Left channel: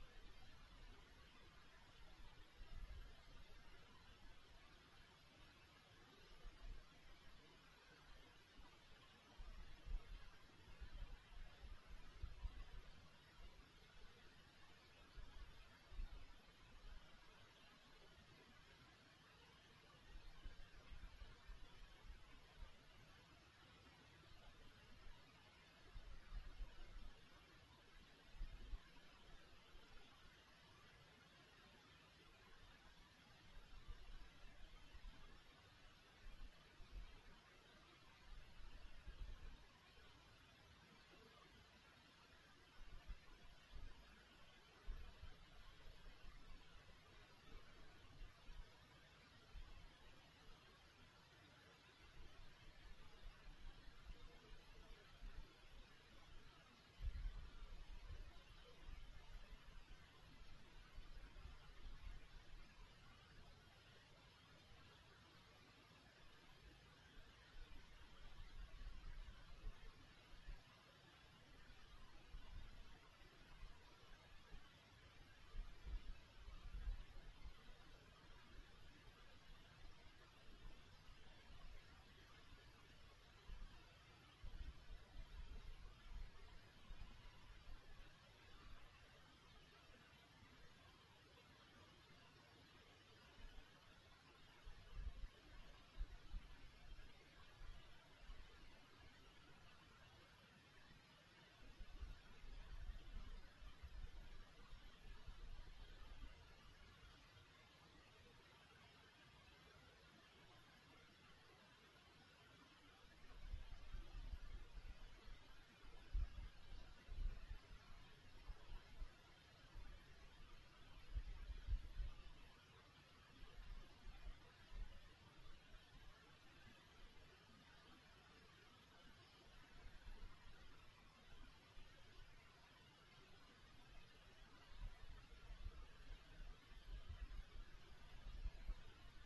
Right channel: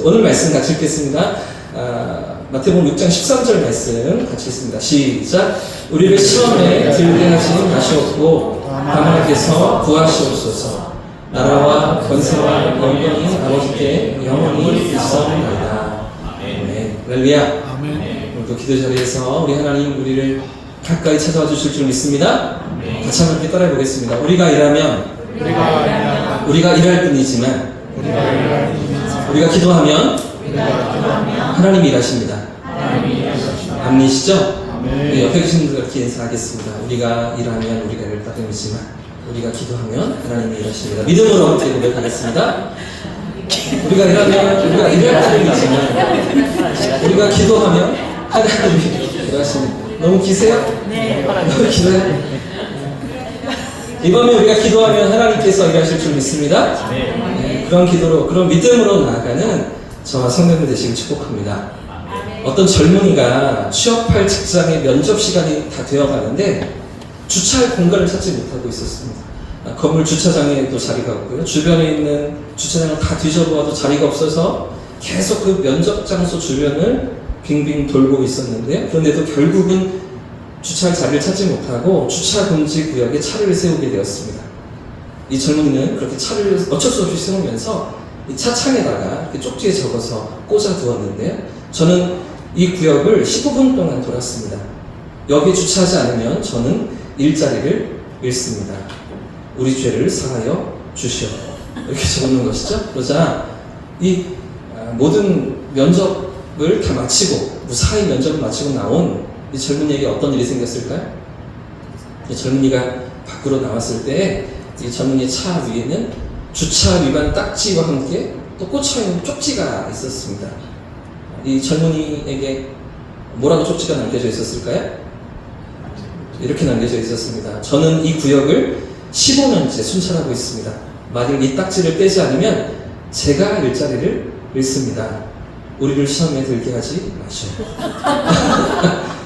오늘 말씀 같이 읽겠습니다. 마태복음 6장 13절 말씀 같이 읽습니다. 시작. 우리를 시험에 들게 하지 마시옵고 다만께서 구하시옵소서. 나라와 권세와 영광이 아버지께 영원히 있사옵나이다. 아멘. 할렐루야. 오늘도 기도 자리에서 우리 하나님 우리를 가까이 찾아와 주실 줄 믿습니다. 같이 한번 함께 따라해 보겠습니다. 우리가 일하면 우리가 일할 뿐이지만 우리가 기도하면 하나님이 일하십니다. 아멘이시죠? 우리 옆에 계신 분들 이렇게 인사하겠습니다. 우리가 일하면 우리가 일할 따름이지만 우리가 기도하면 하나님이 일하십니다. 믿음으로 함께 고백하겠습니다. 우리가 일하면 우리가 일할 따름이지만 우리가 기도하면 하나님이 일하십니다. 너무 기세요? 네. 너무 기세요? 이번에 우리가 기도하면 하나님께서 일하실 줄 믿습니다. 그런 기도로, 그런 믿음으로 나아가는 저와 성도들 되시길 축복합니다. 어떤 젊은이가 취업할 직장의 면접 시간이 다 되어가는데 주차할 공간을 찾지 못하고 있었습니다. 건물 주차장에도 자리가 없고요. 주변에 있는 주차장을 다 뒤져보아도 자리가 없어서 계속 그 면접 장소 주변을 빙빙 돌고 있었는데, 그런데도 결국은 주차할 자리를 찾지 못하고 주차 금지 구역에 차를 세우게 되었습니다. 이 젊은이는 그렇게 차를 어쩔 수 없이 세우면서 이 차창에다가 쪽지에 적어서 꽂아 두었는데요. 저는 이 구역을 15분 동안 돌았습니다. 여기 주차하지 않으면 저는 일자리를 잃습니다. 우리 죄를 사하여 주시오. 이렇게 적는 것이죠. 그러자 이 모든 면접을 다 마치고 무사히 면접을 마치고 나온 이 젊은이에게 어떤 일이 생겼을까요? 이 젊은이가 밖으로 나왔을 때 이 젊은이 차 위에는 주차 위반 딱지와 함께 또 꽂혀있는 쪽지가 있었습니다. 이 젊은이에게 뭐라고 쪽지가 남겨져 있었을까요? 이렇게 남겨져 있었습니다. 저는 이 구역을 15년째 순찰하고 있습니다. 만일 이 딱지를 떼지 않으면 제가 일자리를 잃습니다. 우리를 시험에 들게 하지 마시오.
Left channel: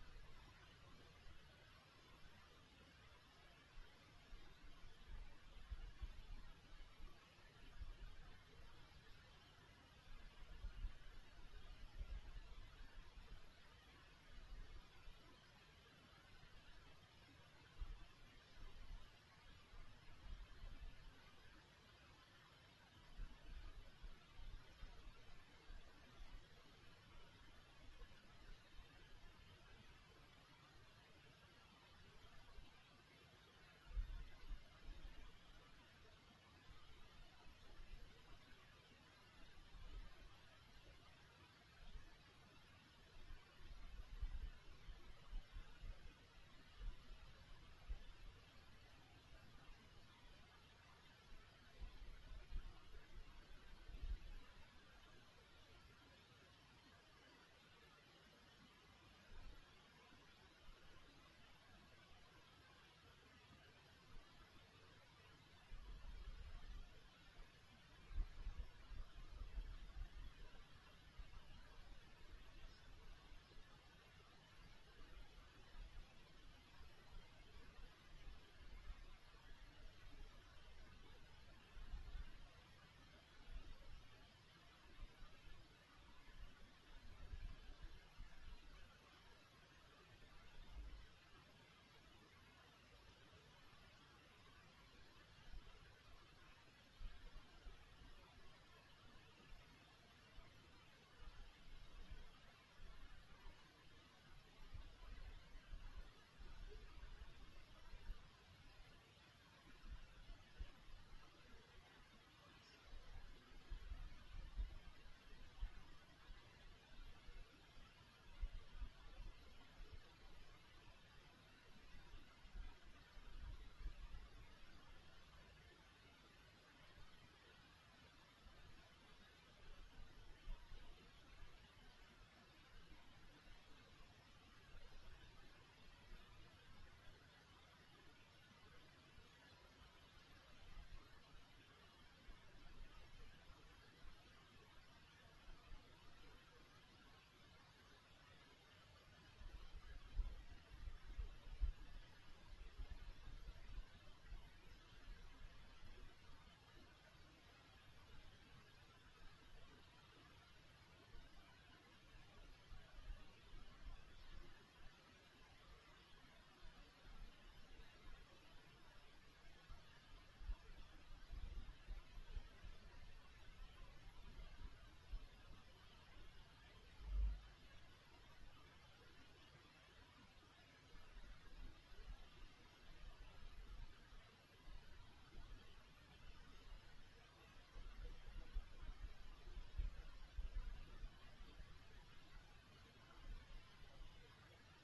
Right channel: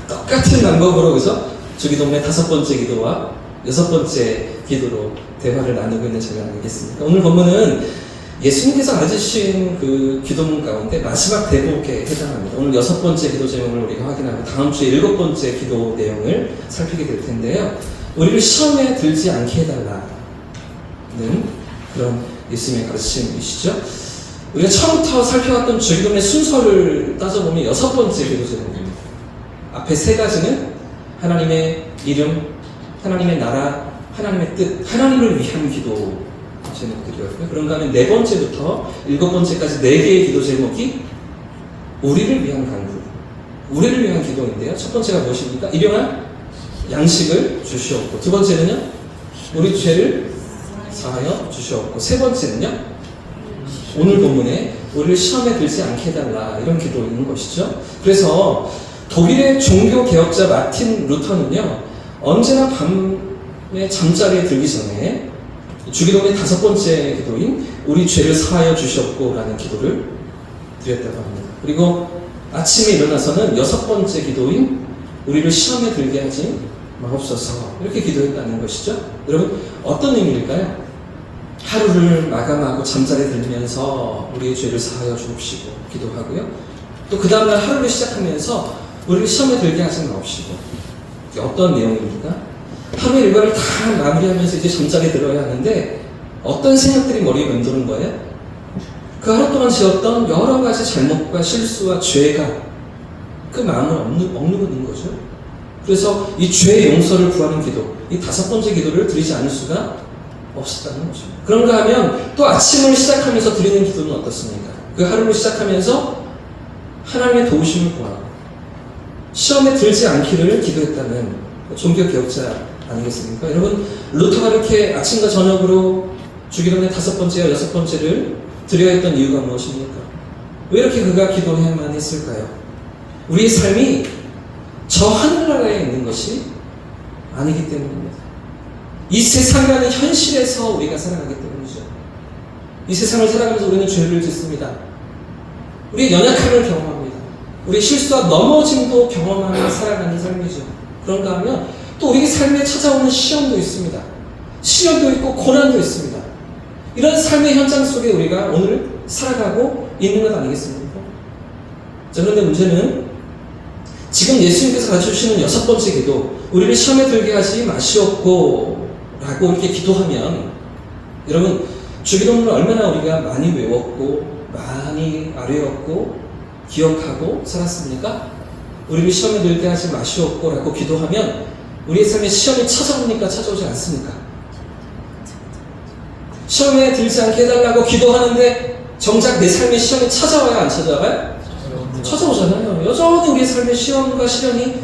똑같은 방법으로, 그죠? 주기도문의 5번째 기도와 6번째 기도로 대화를 나누고 있는 장면 아니겠습니까? 오늘 본문은 예수님께서 가르치신 그 기도문 가운데 마지막 대목에 해당합니다. 오늘 6번째 기도 제목을 우리가 확인하고 다음 주에 7번째 기도 내용을 살피게 될 텐데요. 우리를 시험에 들지 않게 해달라는 그런 예수님의 가르침이시죠. 우리가 처음부터 살펴왔던 주기도문의 순서를 따져보면 6번째 기도 제목입니다. 앞에 3가지는 하나님의 이름, 하나님의 나라, 하나님의 뜻, 하나님을 위한 기도 제목들이었고요. 그런가 하면 4번째부터 7번째까지 4개의 기도 제목이 우리를 위한 간구, 우리를 위한 기도인데요. 첫 번째가 무엇입니까? 일용할 양식을 주시옵고, 2번째는요, 우리 죄를 사하여 주시옵고, 3번째는요, 오늘 본문에 우리를 시험에 들지 않게 해달라, 이런 기도인 것이죠. 그래서 독일의 종교 개혁자 마틴 루터는요, 언제나 밤에 잠자리에 들기 전에 주기도문의 5번째 기도인 우리 죄를 사하여 주시옵고 라는 기도를 드렸다고 합니다. 그리고 아침에 일어나서는 6번째 기도인 우리를 시험에 들게 하지 마옵소서, 이렇게 기도했다는 것이죠. 여러분, 어떤 의미일까요? 하루를 마감하고 잠자리에 들면서 우리의 죄를 사하여 주옵시고 기도하고요. 또 그 다음날 하루를 시작하면서 우리를 시험에 들게 하지 마옵시고. 이게 어떤 내용입니까? 하루의 일과를 다 마무리하면서 이제 잠자리에 들어야 하는데 어떤 생각들이 머리에 맴도는 거예요? 그 하루 동안 지었던 여러 가지 잘못과 실수와 죄가 그 마음을 억누고 있는 거죠. 그래서 이 죄의 용서를 구하는 기도, 이 5번째 기도를 드리지 않을 수가 없었다는 거죠. 그런가 하면 또 아침을 시작하면서 드리는 기도는 어떻습니까? 그 하루를 시작하면서 하나님의 도우심을 구하고 시험에 들지 않기를 기도했다는 종교개혁자 아니겠습니까? 여러분, 루터가 이렇게 아침과 저녁으로 주기도문의 5번째와 6번째를 드려야 했던 이유가 무엇입니까? 왜 이렇게 그가 기도해야만 했을까요? 우리의 삶이 저 하늘나라에 있는 것이 아니기 때문입니다. 이 세상이라는 현실에서 우리가 살아가기 때문이죠. 이 세상을 살아가면서 우리는 죄를 짓습니다. 우리의 연약함을 경험합니다. 우리의 실수와 넘어짐도 경험하며 살아가는 삶이죠. 그런가 하면 또 우리의 삶에 찾아오는 시험도 있습니다. 시련도 있고 고난도 있습니다. 이런 삶의 현장 속에 우리가 오늘 살아가고 있는 것 아니겠습니까? 자, 그런데 문제는 지금 예수님께서 가르쳐주시는 6번째 기도, 우리를 시험에 들게 하지 마시옵고 라고 이렇게 기도하면, 여러분 주기도문을 얼마나 우리가 많이 외웠고 많이 아뢰었고 기억하고 살았습니까? 우리를 시험에 들게 하지 마시옵고 라고 기도하면 우리의 삶에 시험이 찾아옵니까? 찾아오지 않습니까? 시험에 들지 않게 해달라고 기도하는데 정작 내 삶에 시험이 찾아와야 안 찾아와요? 찾아오잖아요. 여전히 우리의 삶에 시험과 시련이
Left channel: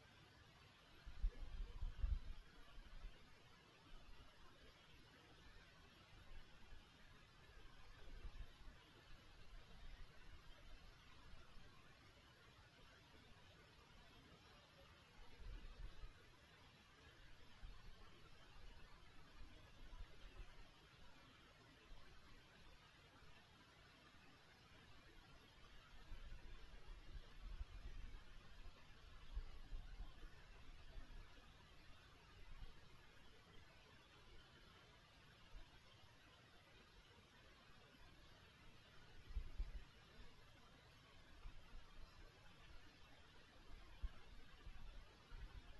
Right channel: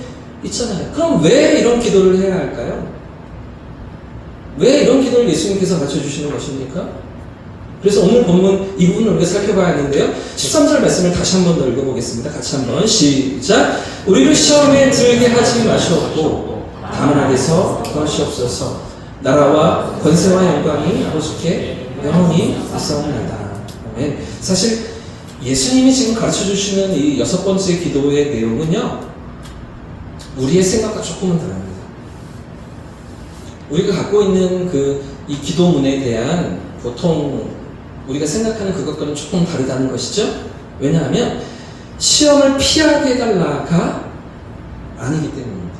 있잖아요. 그럼 왜 이런 기도를 해야 할까요? 왜 이런 기도를 예수님께서 가르쳐주시는 것입니까? 그래서 오늘 본문 이 부분을 우리가 살펴봐야 하는데요. 13절 말씀을 다시 한 번 더 읽어보겠습니다. 같이 한번 시작. 우리를 시험에 들게 하지 마시옵고 다만 아래서 구하시옵소서. 나라와 권세와 영광이 아버지께 영원히 있사옵나이다. 아멘. 사실 예수님이 지금 가르쳐주시는 이 6번째 기도의 내용은요, 우리의 생각과 조금은 다릅니다. 우리가 갖고 있는 이 기도문에 대한 보통 우리가 생각하는 그것과는 조금 다르다는 것이죠. 왜냐하면 시험을 피하게 해달라가 아니기 때문입니다.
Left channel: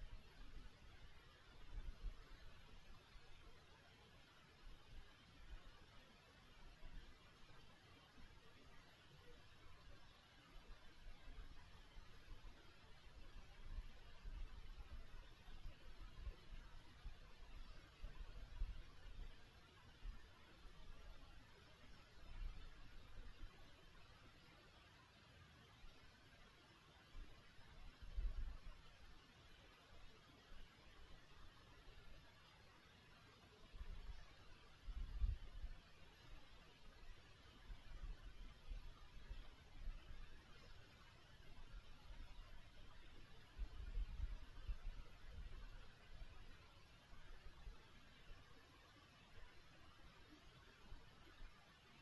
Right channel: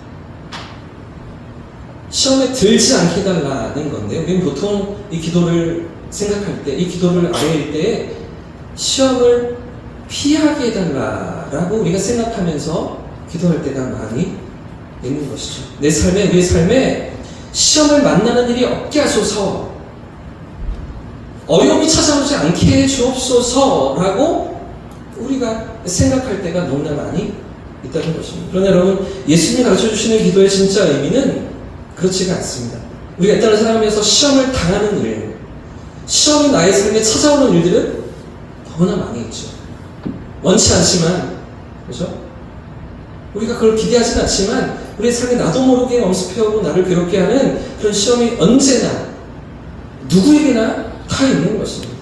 시험에 들지 않게 해달라는 건데요. 우리는 보통 이 기도를 생각할 때, 이 기도를 아뢰일 때 시험을 피하게 해달라라고 우리가 생각하면서 기도할 때가 많이 있는 것이죠. 내 삶에, 우리의 삶에 시험을 만나는 일이 없게 하소서, 어려움이 찾아오지 않게 해 주옵소서라고 우리가 생각할 때가 너무나 많이 있다는 것입니다. 그러나 여러분, 예수님이 가르쳐 주시는 기도의 진짜 의미는 그렇지가 않습니다. 우리가 일단은 살아가면서 시험을 당하는 일, 시험이 나의 삶에 찾아오는 일들은 너무나 많이 있죠. 원치 않지만, 그렇죠? 우리가 그걸 기대하진 않지만 우리의 삶에 나도 모르게 엄습해오고 나를 괴롭게 하는 그런 시험이 언제나 누구에게나 다 있는 것입니다.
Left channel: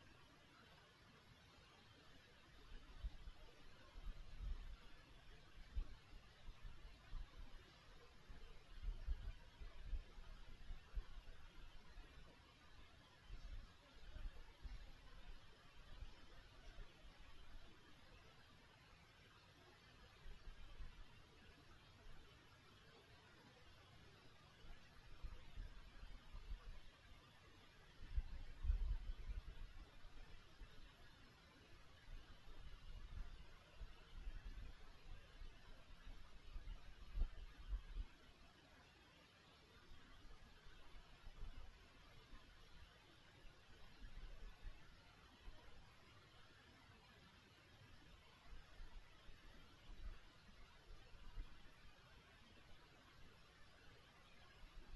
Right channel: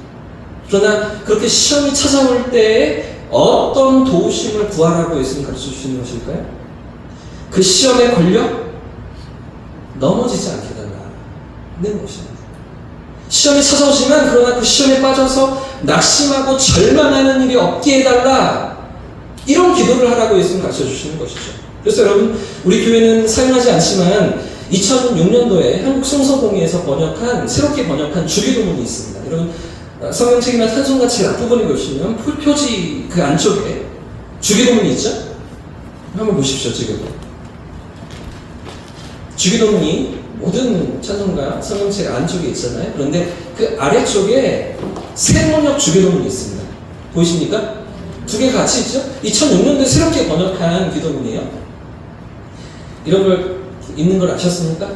그러나 그렇게 시험이 찾아올 때에 어떤 도우심을 구하라고 예수님 가르쳐 주시는 것일까요? 그 시험에 걸려 넘어지지 않게 해달라는 것입니다. 시험이 찾아오지만 그러나 그 시험에 빠져서 낙심하고 절망하는 일이 없게 해달라, 이런 기도를 하라고 예수님 가르쳐 주시는 것이죠. 그래서 여러분, 우리 교회는 사용하지 않지만 2006년도에 한국 성서공회에서 새롭게 번역한 주기도문이 있습니다. 여러분, 성경책이나 찬송가 제일 앞부분에 보시면 표지 그 안쪽에 주기도문이 있죠? 한번 보십시오. 지금 주기도문이 모든 찬송가 성경책 안쪽에 있잖아요. 그런데 그 아래쪽에 새번역 주기도문이 있습니다. 보이십니까? 두 개 같이 있죠? 2006년도에 새롭게 번역한 기도문이에요. 이런 걸 있는 걸 아셨습니까?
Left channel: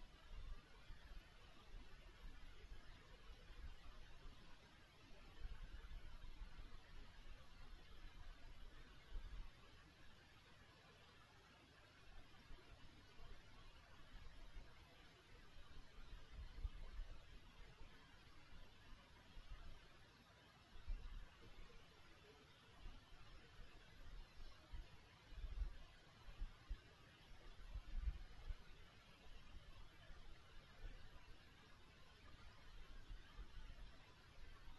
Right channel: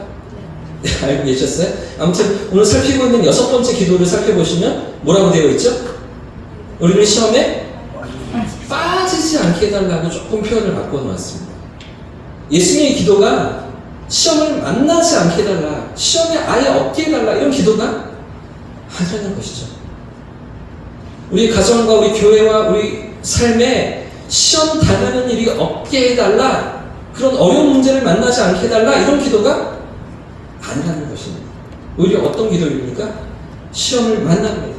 네, 알고 계셨어요? 아무튼 오늘 살피고 있는 6번째 기도를 살펴보시면 뭐라고 되어 있죠? 우리는 시험에 빠지지 않게 해달라고 조금 표현을 바꿔놓았습니다. 예수님의 기도가 시험을 만나지 않게 해달라, 시험에 아예 없게 해달라, 이런 기도가 아니라는 것이죠. 우리 가정과 우리 교회와 우리 삶에 시험 당하는 일이 없게 해달라, 그런 어려운 문제를 만나지 않게 해달라, 이런 기도가 아니라는 것입니다. 오히려 어떤 기도입니까? 시험을 만납니다.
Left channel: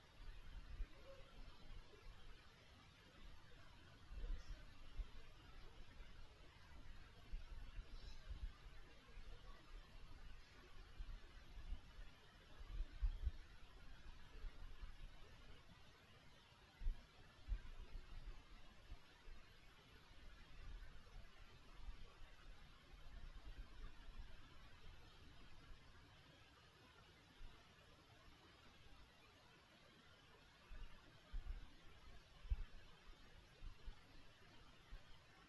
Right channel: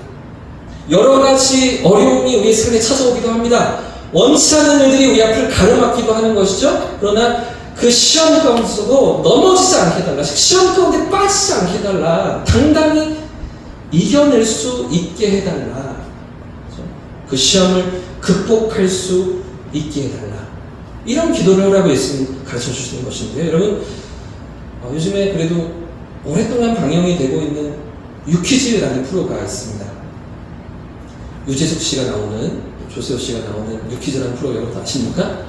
여러 가지 어려움이 우리 삶에 찾아오기도 합니다. 원치 않는 일들이 우리 앞을 가로막기도 하는 것이죠. 그러나 그 시험 가운데서도 넘어지지 않게 해달라, 시험 가운데 빠지지 않게 해달라, 당당히 이겨낼 수 있게 해달라, 그 시험을 극복할 수 있게 해달라, 이런 기도를 하라고 예수님 가르쳐 주시는 것인데요. 여러분, 요즘에 그래도 오랫동안 방영이 되고 있는 유퀴즈라는 프로가 있습니다. 유재석 씨가 나오는, 조세호 씨가 나오는 유퀴즈라는 프로 여러분 아십니까?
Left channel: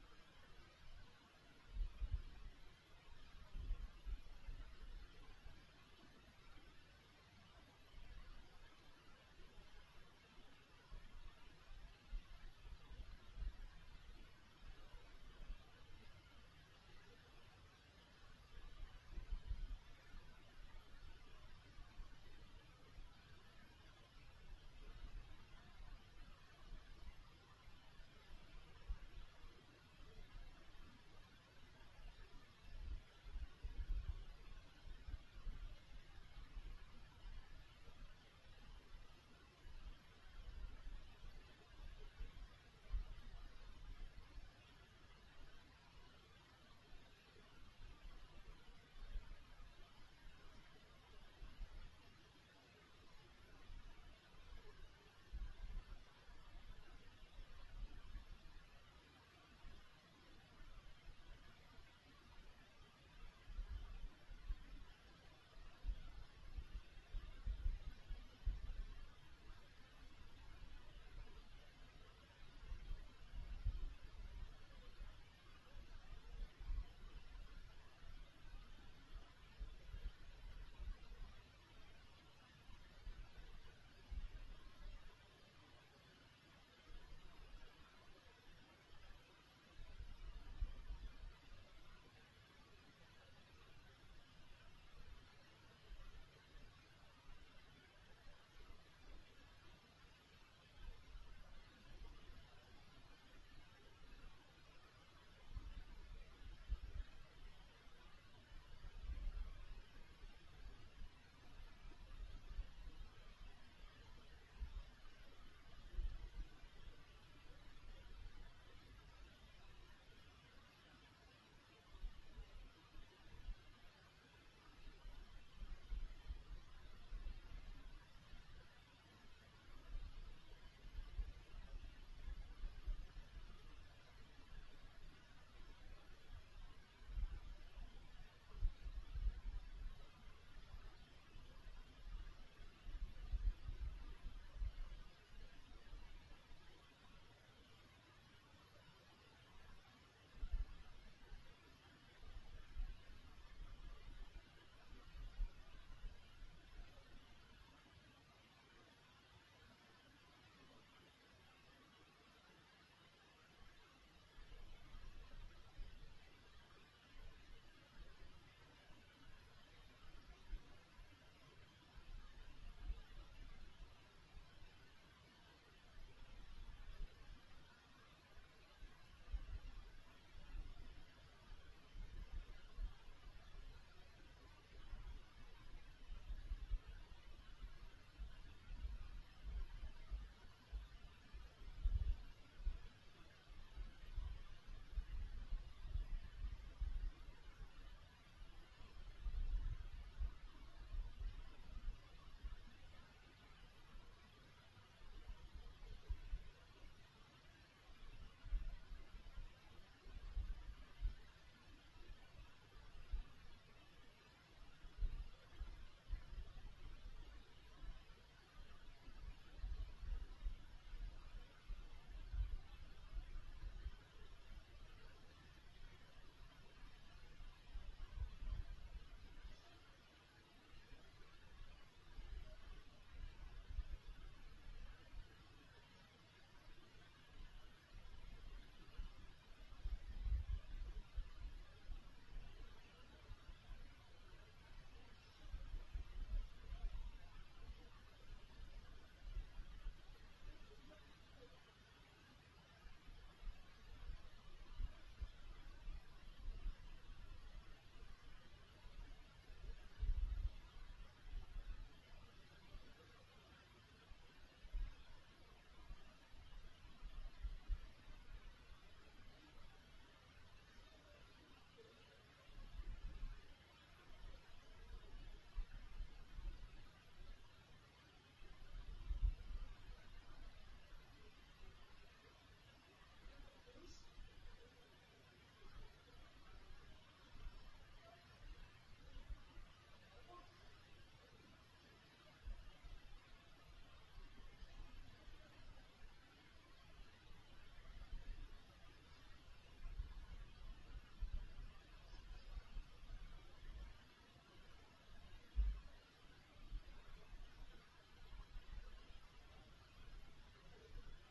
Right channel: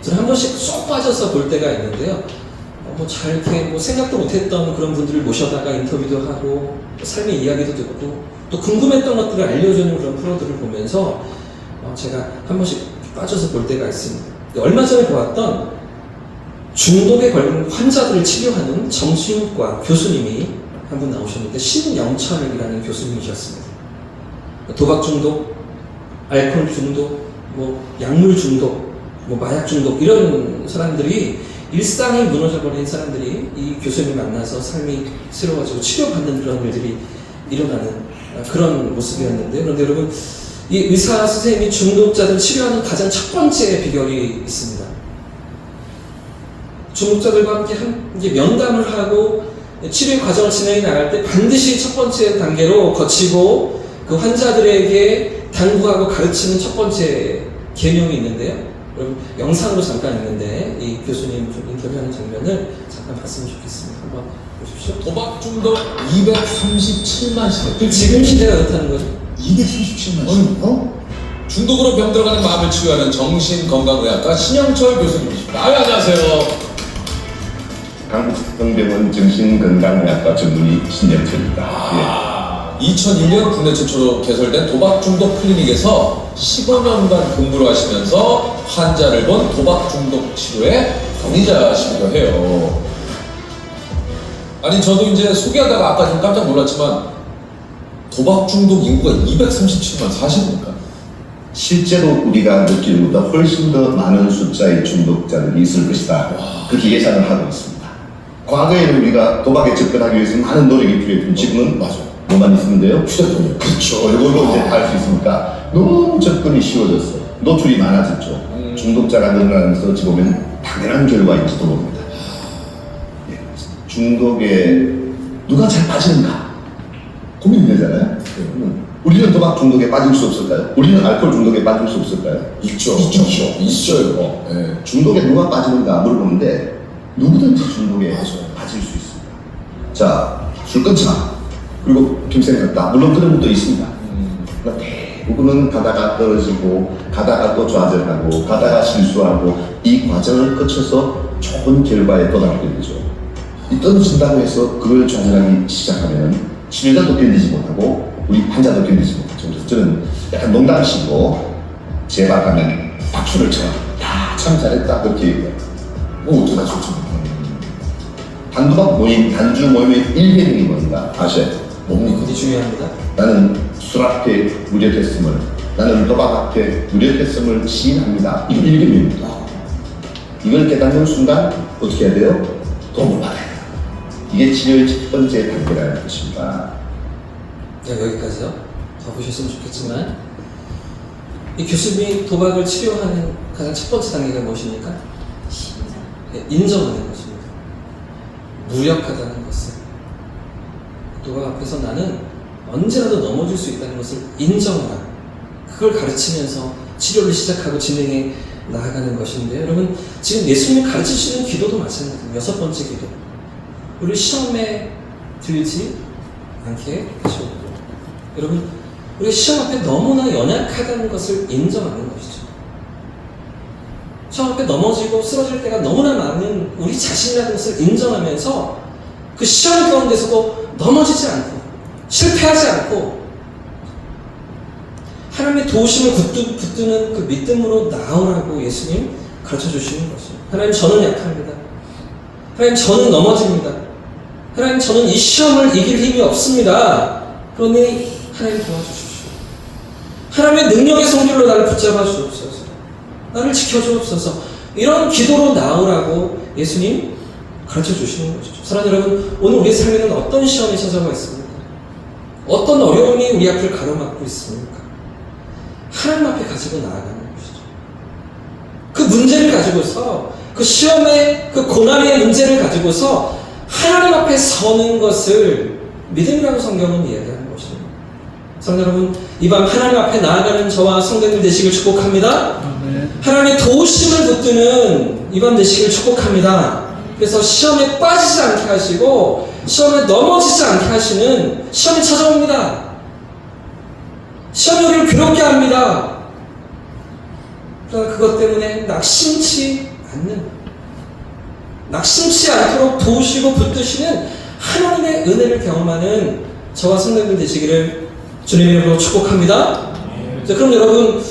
저는 한 번씩 쏙 빠져서 볼 때가 있는데요. 잘 이렇게 생각도 못했던 그런 분들을 모셔다가 인터뷰도 하고 삶의 이야기도 듣고 또 궁금했던 것들을 알려주는 그런 프로들을 보면서 제가 한 번씩 빠져서 볼 때가 있습니다. 얼마 전에 보았던 중독에 걸린 환자들을 치료하는 정신과 교수님이 한 분 나오셨는데, 신영철이라는 교수님이셨습니다. 도박 중독, 알코올 중독, 약물 중독, 마약 중독, 이런 사람들이, 일상이 무너져버린 사람들이 이 교수님을 만나서 삶이 새로워지고 치료받는 그런 일들이 일어나는 그런 모습이었는데, 그런데 여러분, 이 의사 선생님이 중독자들 치료하는 가장 첫 번째 비결이 있습니다. 중독자들과 함께 면담을 하고 치료 과정을 진행해 나갈 때 반드시 첫 번째 단계로 거치고 그 환자들에게 당부하고 가르치는 첫 번째 계명이 있는데요. 여러분 영상으로 잠깐 있는데 이 교수님 좀 인터뷰하는 장면을 잠깐 봤으면 좋겠습니다. 한번 보십시오. 도박 중독 237만 시대. 지금 시대가 그렇다는 거죠. 237만 원? 중독으로 병들어가는 마음을 치유하는 정신건강의학과 신영철 교수님이십니다. 안녕하세요. 한국성병원 정신건강의학과 전문의 신영철입니다. 2001년 국내 최초로 개설된 도박 중독 클리닉에서 15년간 근무를 하시면서 환자를 본 도박 중독 치료의 권위자시기도 해요. 아니 저도 이제 소개하다가 아까 좀 깜짝 놀랐지만 도박 중독 인구가 237만 사실입니까? 실제로 우리가 느끼는 것보다 훨씬 더 많은 숫자의 중독자들이 있을 것이다. 그렇게 예상을 하고 있습니다. 과거에는 우리가 도박에 접근하기 위해서 많은 노력이 필요했지만 지금은 맞아요. 뭐만 있으면 돼요? 휴대폰이요. 그렇죠. 이걸로 이제 할 수 있으니까 너무 접근이 쉬워졌어요. 노출이 많아졌죠. 중독자가 늘어나면서 어찌 보면 당연한 결과인지도 모릅니다. 예. 중독에 누가 잘 빠지는가 고민이 되잖아요. 우리는 도박 중독에 빠질 수 없을까요? 우리는 알코올 중독에 빠질 수 없을까요? 있죠. 있어요. 네. 중독에 누가 빠지는가 물어보는데 누구든지 중독에 맞아요. 빠질 수 있습니다. 자, 술 끊지 마. 그리고 김쌤 같다. 물론 그런 것도 있습니다. 그러나 대부분은 가다가 떨어지고 가다가 또 좌절하고 가다가 실수하고 이 과정을 거쳐서 좋은 결과에 도달하게 되죠. 이 떨어진다고 해서 그걸 좌절하기 시작하면 치료자도 견디지 못하고 우리 환자도 견디지 못하죠. 그래서 저는 약간 농담식으로 제발 가면 박수를 쳐. 야, 참 잘했다. 그렇게 얘기해요. 어떡하죠? 단도박 모임, 단주 모임의 일개명이 뭔가 아셔야 돼요. 뭡니까? 굉장히 중요합니다. 나는 술 앞에 무력했음을, 나는 도박 앞에 무력했음을 시인합니다. 이게 일개명입니다. 이걸 깨닫는 순간 어떻게 해야 돼요? 도움을 받아야 돼요. 이게 치료의 첫 번째 단계라는 것입니다. 네, 여기까지요. 더 보셨으면 좋겠지만 이 교수님이 도박을 치료하는 가장 첫 번째 단계가 무엇입니까? 네, 인정하는 것입니다. 무력하다는 것을. 도박 앞에서 나는 언제라도 넘어질 수 있다는 것을 인정하라. 그걸 가르치면서 치료를 시작하고 진행해 나아가는 것인데요. 여러분, 지금 예수님이 가르치시는 기도도 마찬가지입니다. 여섯 번째 기도. 우리 시험에 들지 않게 하시고, 여러분, 우리가 시험 앞에 너무나 연약하다는 것을 인정하는 것이죠. 시험 앞에 넘어지고 쓰러질 때가 너무나 많은 우리 자신이라는 것을 인정하면서 그 시험 가운데서도 넘어지지 않고 실패하지 않고 하나님의 도우심을 붙드는 그 믿음으로 나오라고 예수님 가르쳐 주시는 것이죠. 하나님, 저는 약합니다. 하나님, 저는 넘어집니다. 하나님, 저는 이 시험을 이길 힘이 없습니다. 그러니 하나님 도와주십시오. 하나님의 능력의 성질로 나를 붙잡아 주옵소서. 나를 지켜주옵소서. 이런 기도로 나오라고 예수님 가르쳐 주시는 것이죠. 사랑하는 여러분, 오늘 우리의 삶에는 어떤 시험이 찾아와 있습니까? 어떤 어려움이 우리 앞을 가로막고 있습니까? 하나님 앞에 가지고 나아가는 것이죠. 그 문제를 가지고서, 그 시험의 그 고난의 문제를 가지고서 하나님 앞에 서는 것을 믿음이라고 성경은 이야기하는 것입니다. 사랑하는 여러분, 이 밤 하나님 앞에 나아가는 저와 성도님들 되시길 축복합니다. 하나님의 도우심을 붙드는 이 밤 되시길 축복합니다. 그래서 시험에 빠지지 않게 하시고 시험에 넘어지지 않게 하시는, 시험이 찾아옵니다. 시험이 우리를 괴롭게 합니다. 그러나 그것 때문에 낙심치 않도록 도우시고 붙드시는 하나님의 은혜를 경험하는 저와 성도님들 되시기를 주님의 이름으로 축복합니다. 자, 그럼 여러분,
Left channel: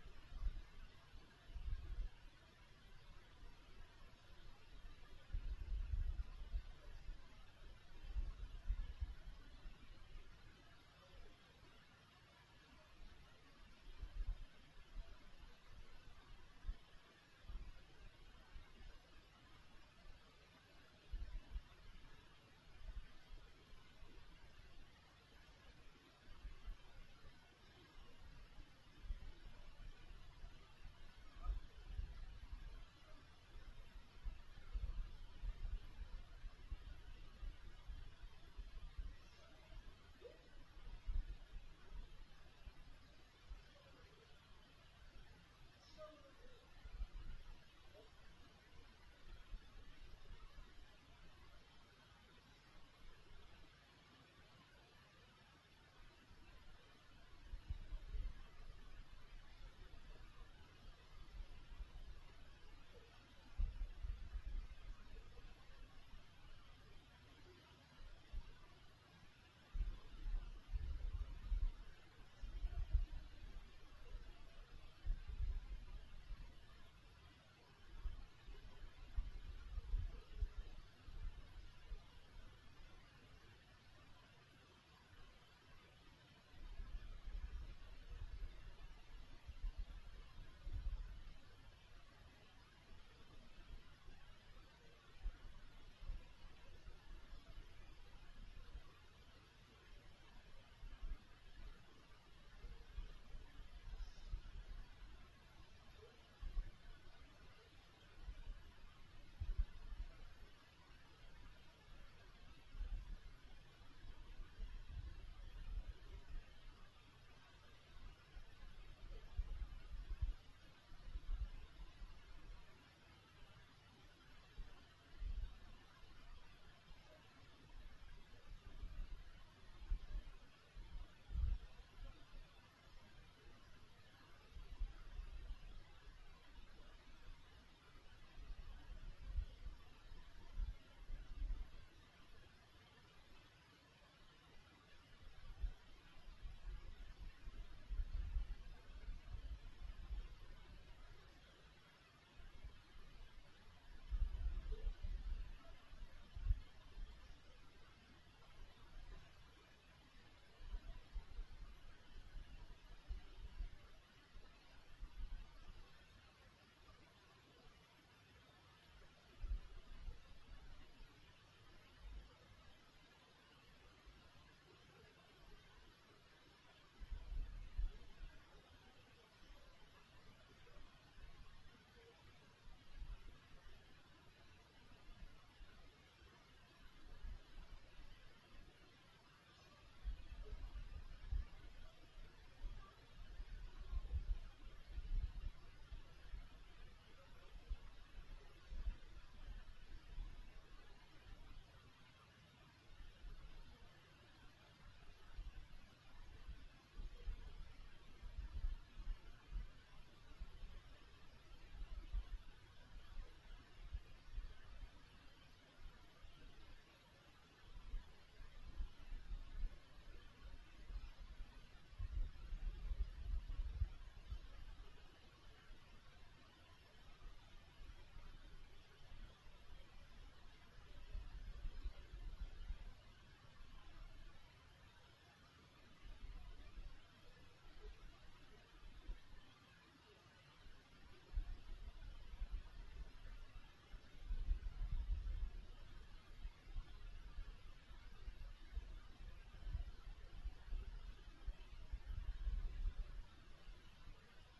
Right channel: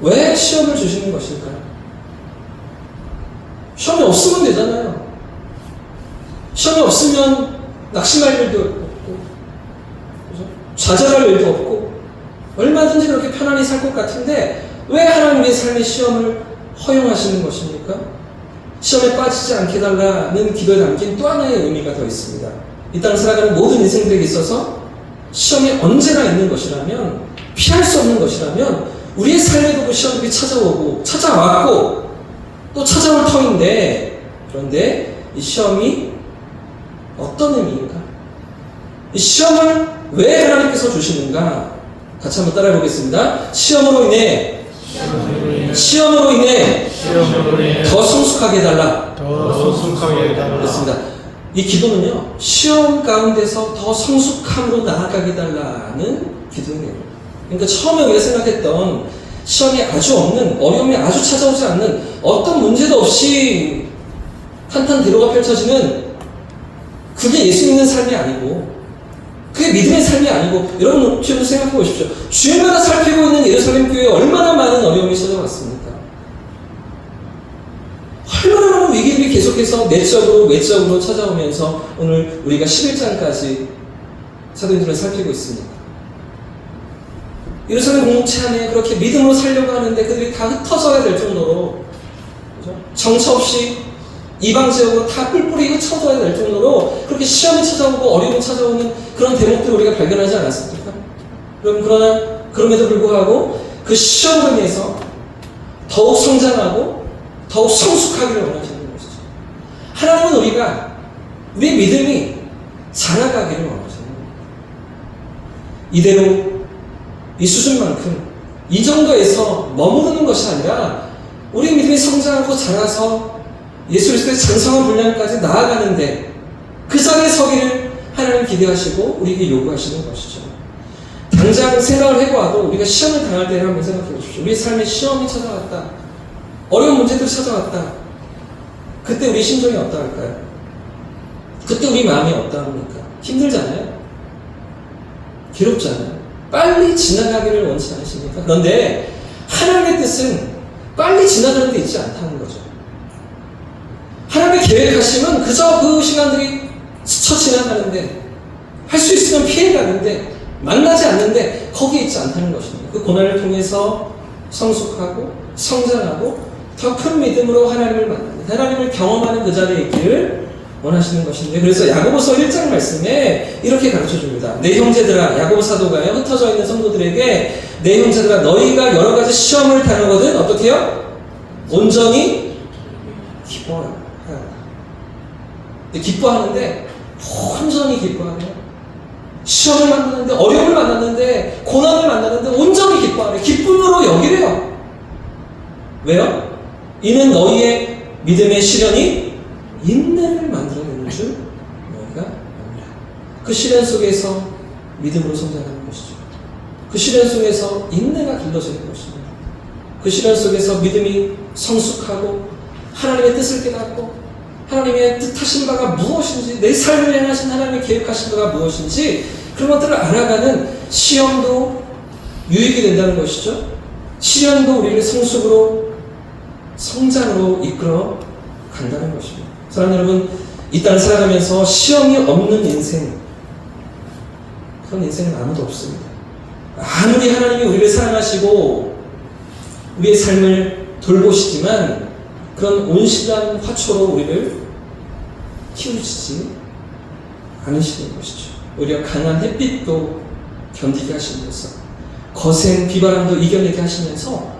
왜 시험을 주시는 것일까요? 시험이 없으면 되잖아요. 시험이 없으면 낙심할 일도 없고, 그죠? 좌절할 일도 없고, 얼마든지 그렇게 편안히 살 것 같은데 왜 하나님의 삶의 시험을 허용하시는 것입니까? 시험에 빠지지 않게 달라는 기도에 담긴 또 하나의 의미가 더 있습니다. 이 땅을 살아가는 모든 인생들에게 있어서 시험이 언제나 있는 것이라면, 피할 수 없는 것이라면 우리의 삶에도 그 시험들이 찾아왔고 또 찾아올 터인데, 그런데 이 시험이 어떤 의미인가? 이 시험을 왜 하나님께서 주시는가? 같이 한번 따라해 보겠습니다. 시험으로 인해 더 성숙하게 해달라. 그렇습니다. 이 기도는요, 시험 가운데서 더 성숙함으로 나아가게 해달라는 기도예요. 그러니까 처음에 우리가 생각했던 시험이 아주 없는, 어려움이 아주 찾아오지 않는, 어떤 문제도 없이 탄탄대로가 펼쳐지는, 그게 예수 믿는 삶이 아니고, 그게 믿음의 삶이 아니고, 여러분 지금 생각해 보십시오. 주일마다 살피고 있는 예루살렘 교회에 얼마나 많은 어려움이 찾아왔습니까? 얼마나 많은 위기들이 계속해서 내적으로 외적으로 찾아오면서 오늘 우리가 11장까지 사도행전을 살피고 있습니다. 예루살렘 공동체 안에 그렇게 믿음으로 살려고 하는데 그들이 다 흩어져야 될 정도로, 그죠? 정처 없이 이방 지역으로 다 뿔뿔이 흩어져야 될 정도로 그렇게 시험이 찾아오고 어려움이 찾아오는 그런 대목들을 우리가 발견하지 않았습니까? 그러나 그럼에도 불구하고 그 시험으로 인해서 더욱 성장하고 더욱 성숙하기를 원하시는 것이죠. 하나님은 우리의 믿음이 자라가기를 원하시는 거예요. 이대로 이 수준만큼 이 정도에서 머무르는 것이 아니라 우리 믿음이 성장하고 자라서 예수 그리스도의 장성한 분량까지 나아가는데 그 자리에 서기를 하나님 기대하시고 우리에게 요구하시는 것이죠. 당장 생각을 해보아도 우리가 시험을 당할 때를 한번 생각해 보십시오. 우리의 삶에 시험이 찾아왔다. 어려운 문제들이 찾아왔다. 그때 우리 심정이 어떠할까요? 그때 우리 마음이 어떠합니까? 힘들잖아요. 괴롭잖아요. 빨리 지나가기를 원치 않으십니까? 그런데 하나님의 뜻은 빨리 지나가는 데 있지 않다는 거죠. 하나님의 계획하심은 그저 그 시간들이 스쳐 지나가는데, 할 수 있으면 피해가는데, 만나지 않는데 거기에 있지 않다는 것입니다. 그 고난을 통해서 성숙하고 성장하고 더 큰 믿음으로 하나님을 만나는, 하나님을 경험하는 그 자리에 있기를 원하시는 것인데, 그래서 야고보서 1장 말씀에 이렇게 가르쳐줍니다. 내 형제들아, 야고보 사도가요, 흩어져 있는 성도들에게 내 형제들아, 너희가 여러 가지 시험을 당하거든 어떻게 해요? 온전히 기뻐하라. 기뻐하는데 온전히 기뻐하래요. 시험을 만나는데, 어려움을 만났는데, 고난을 만나는데 온전히 기뻐하래요. 기쁨으로 여기래요. 왜요? 이는 너희의 믿음의 시련이 인내를 만들어내는 줄 너희가 압니다. 그 시련 속에서 믿음으로 성장하는 것이죠. 그 시련 속에서 인내가 길러지는 것입니다. 그 시련 속에서 믿음이 성숙하고 하나님의 뜻을 깨닫고 하나님의 뜻하신 바가 무엇인지, 내 삶을 향하신 하나님의 계획하신 바가 무엇인지 그런 것들을 알아가는 시험도 유익이 된다는 것이죠. 시련도 우리를 성숙으로, 성장으로 이끌어 간다는 것입니다. 사랑하는 여러분, 이 땅을 살아가면서 시험이 없는 인생, 그런 인생은 아무도 없습니다. 아무리 하나님이 우리를 사랑하시고 우리의 삶을 돌보시지만 그런 온실한 화초로 우리를 키우시지 않으시는 것이죠. 오히려 강한 햇빛도 견디게 하시면서 거센 비바람도 이겨내게 하시면서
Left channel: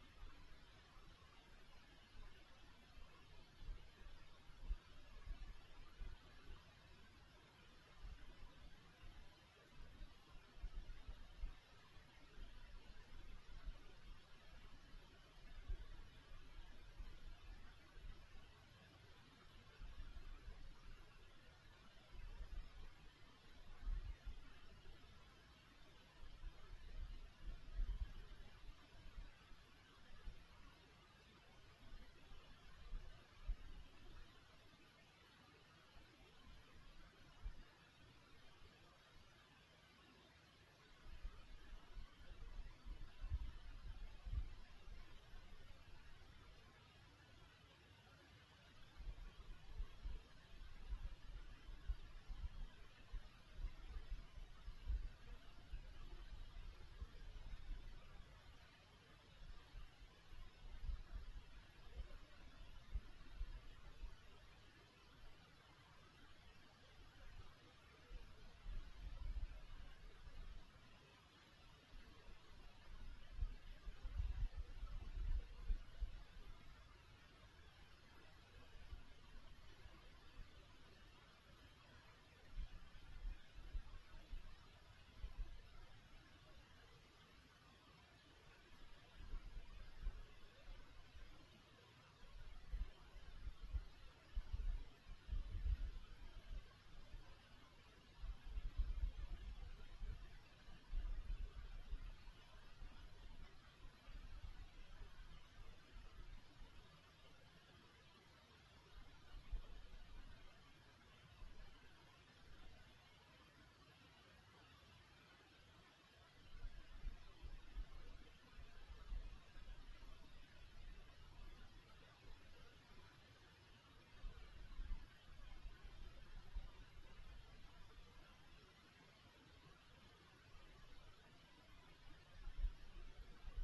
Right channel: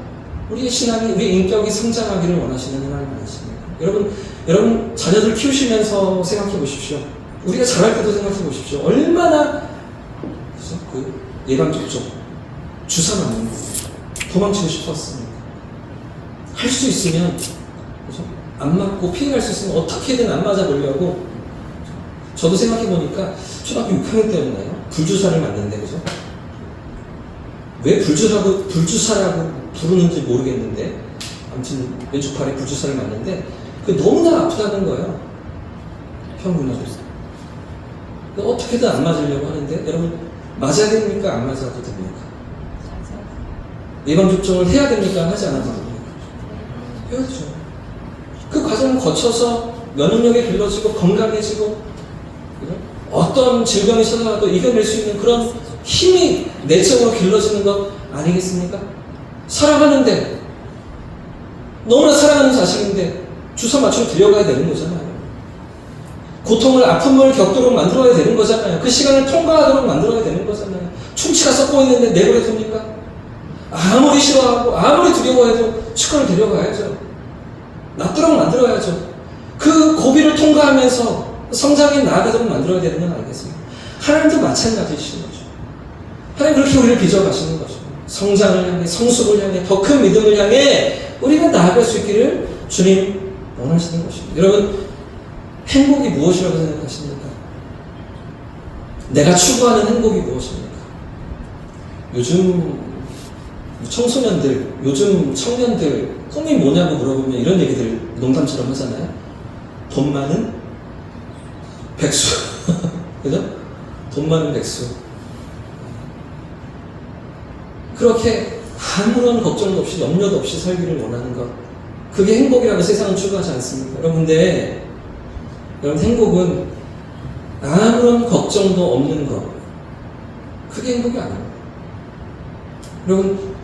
우리의 신앙이, 우리의 인격이 성장하기를 원하시는 하나님 아니십니까? 여러분 자녀들 키우시면서 생각해 보십시오. 우리가 자랄 때도 생각해 보십시오. 얼마나 그 예방접종, 주사 맞는 거 도망치고 싶었습니까? 할 수 있으면, 그죠? 안 맞고 피해갈 수 있으면 어떻게든 안 맞아보려고. 저도 생각해 보니까 초등학교 6학년 때였나요? 불주사를 맞는데, 그죠? 왜 불주사라고 부르는지 모르겠는데, 아무튼 왼쪽 팔에 불주사를 맞는데 그게 너무나 아프다는 거예요. 형군하고. 어떻게든 안 맞으려고 하는데, 여러분 맞아야 됩니까? 안 맞아도 됩니까? 예방접종을 해야 됩니까? 하지 않아도 됩니까? 해야죠. 그 과정을 거쳐서 면역력이 길러지고 건강해지고, 그죠? 어떤 질병이 찾아와도 이겨낼 수 있는 그런 힘이 내적으로 길러지는 것 아니겠습니까? 사랑하는데, 너무나 사랑하는 자식인데 주사 맞추러 데려가야 되는 거잖아요. 고통을, 아픔을 겪도록 만들어야 되는 거잖아요. 그 시간을 통과하도록 만들어야 되는 거잖아요. 충치가 썩고 있는데 내버려 둡니까? 아무리 싫어하고 아무리 두려워해도 치과를 데려가야죠. 낫도록 만들어야죠. 그 고비를 통과하면서 성장에 나아가도록 만들어야 되는 건 알겠습니다. 하나님도 마찬가지이신 거죠. 하나님 그렇게 우리를 빚어가시는 거죠. 성장을 향해, 성숙을 향해, 더 큰 믿음을 향해 우리가 나아갈 수 있기를 주님 원하시는 것입니다. 여러분, 행복이 무엇이라고 생각하십니까? 내가 추구하는 행복이 무엇입니까? 요즘 청소년들, 요즘 청년들 꿈이 뭐냐고 물어보면 이런 얘기들 농담처럼 하잖아요. 돈 많은 백수. 그죠? 돈 많은 백수. 그렇게 아무런 걱정도 없이 염려도 없이 살기를 원하는 것. 그게 행복이라고 세상은 추구하지 않습니까? 여러분, 행복은 아무런 걱정도 없는 것. 그게 행복이 아닙니다. 여러분,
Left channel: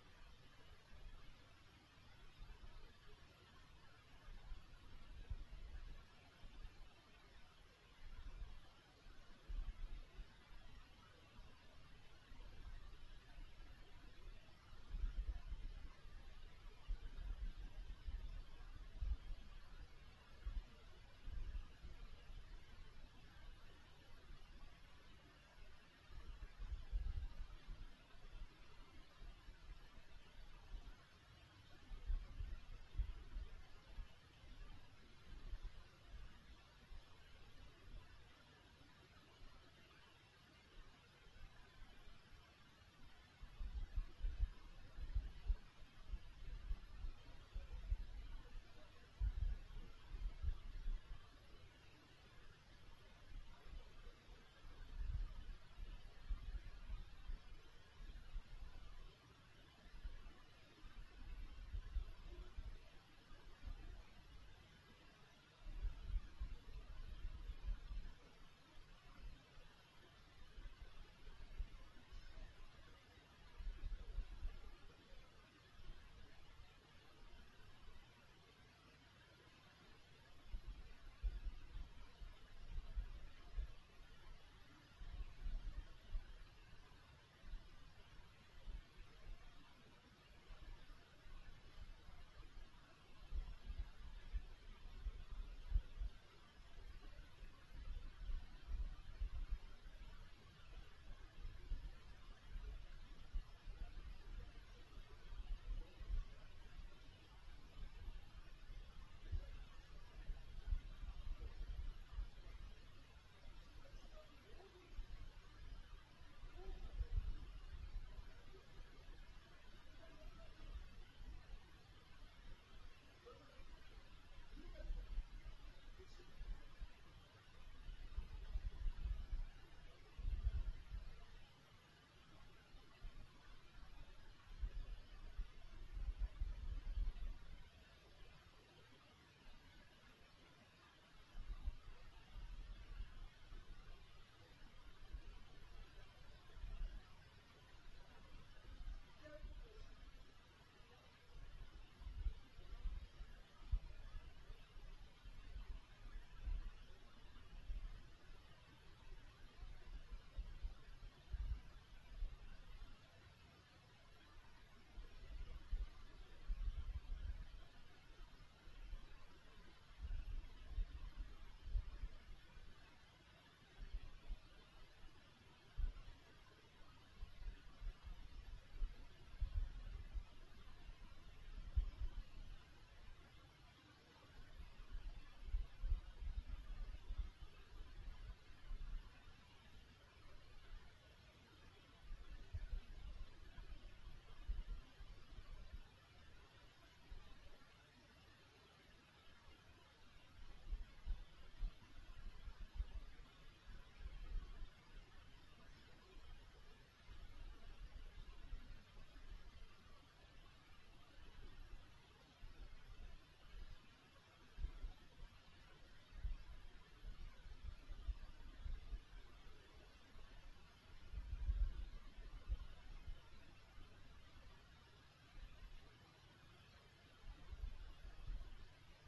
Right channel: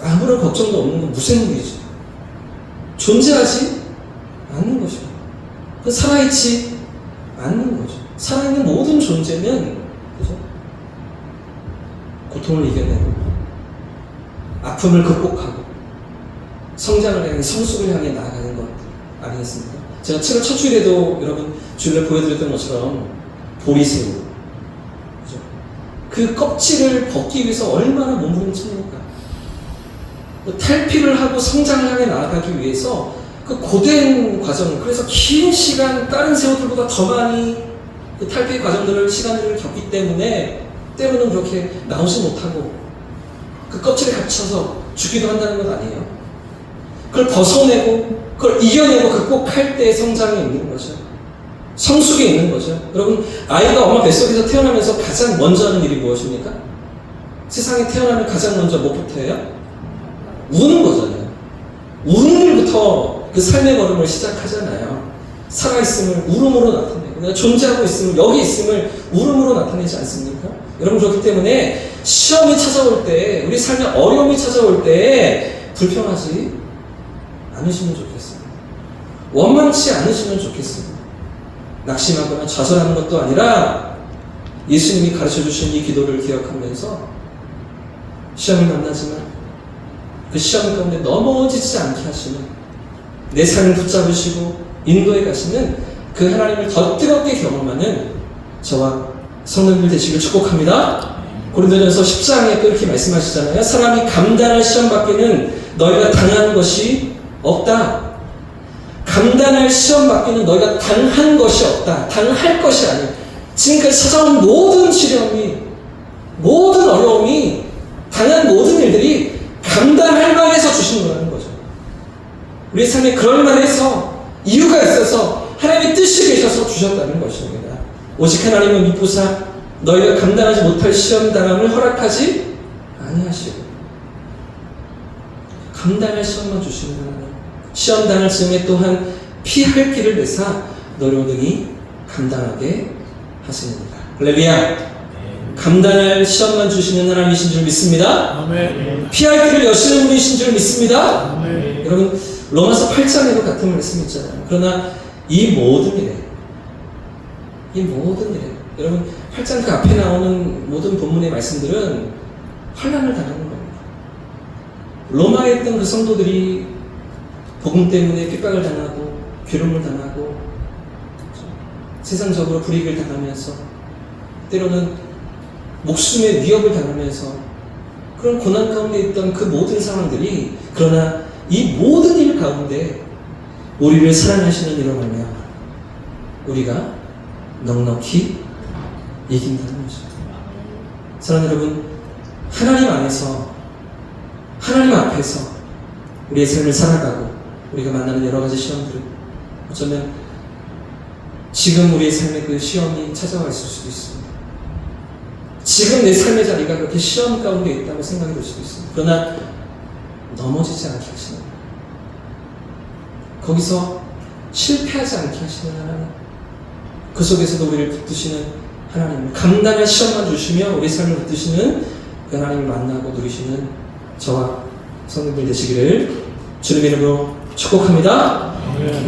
아무런 걱정도 없는 건 무생물이죠. 존재하지 않는 것이고, 그 살아있지 않는 거죠. 살아있는 모든 존재는, 그죠? 고통을 이겨내고, 아픔을 극복하고, 성장을 향해, 성숙을 향해 나아가는 것 아니겠습니까? 제가 7월 첫 주일에도 여러분 주일에 보여드렸던 것처럼 보리새우, 그죠? 그 껍질을 벗기 위해서 얼마나 몸부림칩니까? 탈피를 하고 성장을 향해 나아가기 위해서 그 고된 과정, 그래서 긴 시간 다른 새우들보다 더 많이 그 탈피 과정들을, 시간들을 겪기 때문에 때로는 그렇게 나오지 못하고 그 껍질에 갇혀서 죽기도 한다는 것 아니에요. 그걸 벗어내고 그걸 이겨내고 극복할 때 성장이 있는 거죠. 성숙이 있는 거죠. 여러분, 아이가 엄마 뱃속에서 태어나면서 가장 먼저 하는 일이 무엇입니까? 세상에 태어나면 가장 먼저 뭐부터 해요? 우는 거잖아요. 우는 일부터 그 삶의 걸음을 시작하잖아요. 살아있음을 울음으로 나타내고, 내가 존재하고 있음을, 여기 있음을 울음으로 나타내지 않습니까? 여러분, 그렇기 때문에 시험이 찾아올 때, 우리 삶에 어려움이 찾아올 때 불평하지 않으시면 좋겠습니다. 원망치 않으시면 좋겠습니다. 낙심하거나 좌절하는 것도 아니라 예수님이 가르쳐 주신 이 기도를 기억하면서 시험을 만나지만 그 시험 가운데 넘어지지 않게 하시는, 내 삶을 붙잡으시고 인도해 가시는 그 하나님을 더 뜨겁게 경험하는 저와 성도님들 되시길 축복합니다. 고린도전서 10장에 또 이렇게 말씀하시잖아요. 사람이 감당할 시험 밖에는 너희가 당한 것이 없다. 감당할 시험 밖에는 너희가 당한 것이 없다. 당할 것이 아니야. 지금까지 찾아온 모든 시련이, 모든 어려움이, 당한 모든 일들이 감당할 만해서 주신 거라는 거죠. 우리 삶에 그럴 만해서, 이유가 있어서 하나님의 뜻이 계셔서 주셨다는 것입니다. 오직 하나님은 미쁘사 너희가 감당하지 못할 시험 당함을 허락하지 아니하시고, 감당할 시험만 주시는 하나님, 시험 당할 즈음에 또한 피할 길을 내사 너를 능히 감당하게 하시느니라. 할렐루야. 감당할 시험만 주시는 하나님이신 줄 믿습니다. 아멘. 피할 길을 여시는 분이신 줄 믿습니다. 아멘. 여러분, 로마서 8장에도 같은 말씀이 있잖아요. 그러나 이 모든 일에, 여러분 8장 그 앞에 나오는 모든 본문의 말씀들은 환난을 당하는 겁니다. 로마에 있던 그 성도들이 복음 때문에 핍박을 당하고 괴로움을 당하고 세상적으로 불이익을 당하면서 때로는 목숨의 위협을 당하면서 그런 고난 가운데 있던 그 모든 상황들이, 그러나 이 모든 일 가운데 우리를 사랑하시는 이로 말미암아 우리가 넉넉히 이긴다는 거죠. 사랑하는 여러분, 하나님 안에서, 하나님 앞에서 우리의 삶을 살아가고 우리가 만나는 여러 가지 시험들은 어쩌면 지금 우리의 삶에 그 시험이 찾아와 있을 수도 있습니다. 지금 내 삶의 자리가 그렇게 시험 가운데 있다고 생각이 들 수도 있습니다. 그러나 넘어지지 않게 하시는, 거기서 실패하지 않게 하시는 하나님, 그 속에서도 우리를 붙드시는 하나님, 감당할 시험만 주시며 우리 삶을 붙드시는 그 하나님을 만나고 누리시는 저와 성도들 되시기를 주님의 이름으로 축복합니다. 아멘.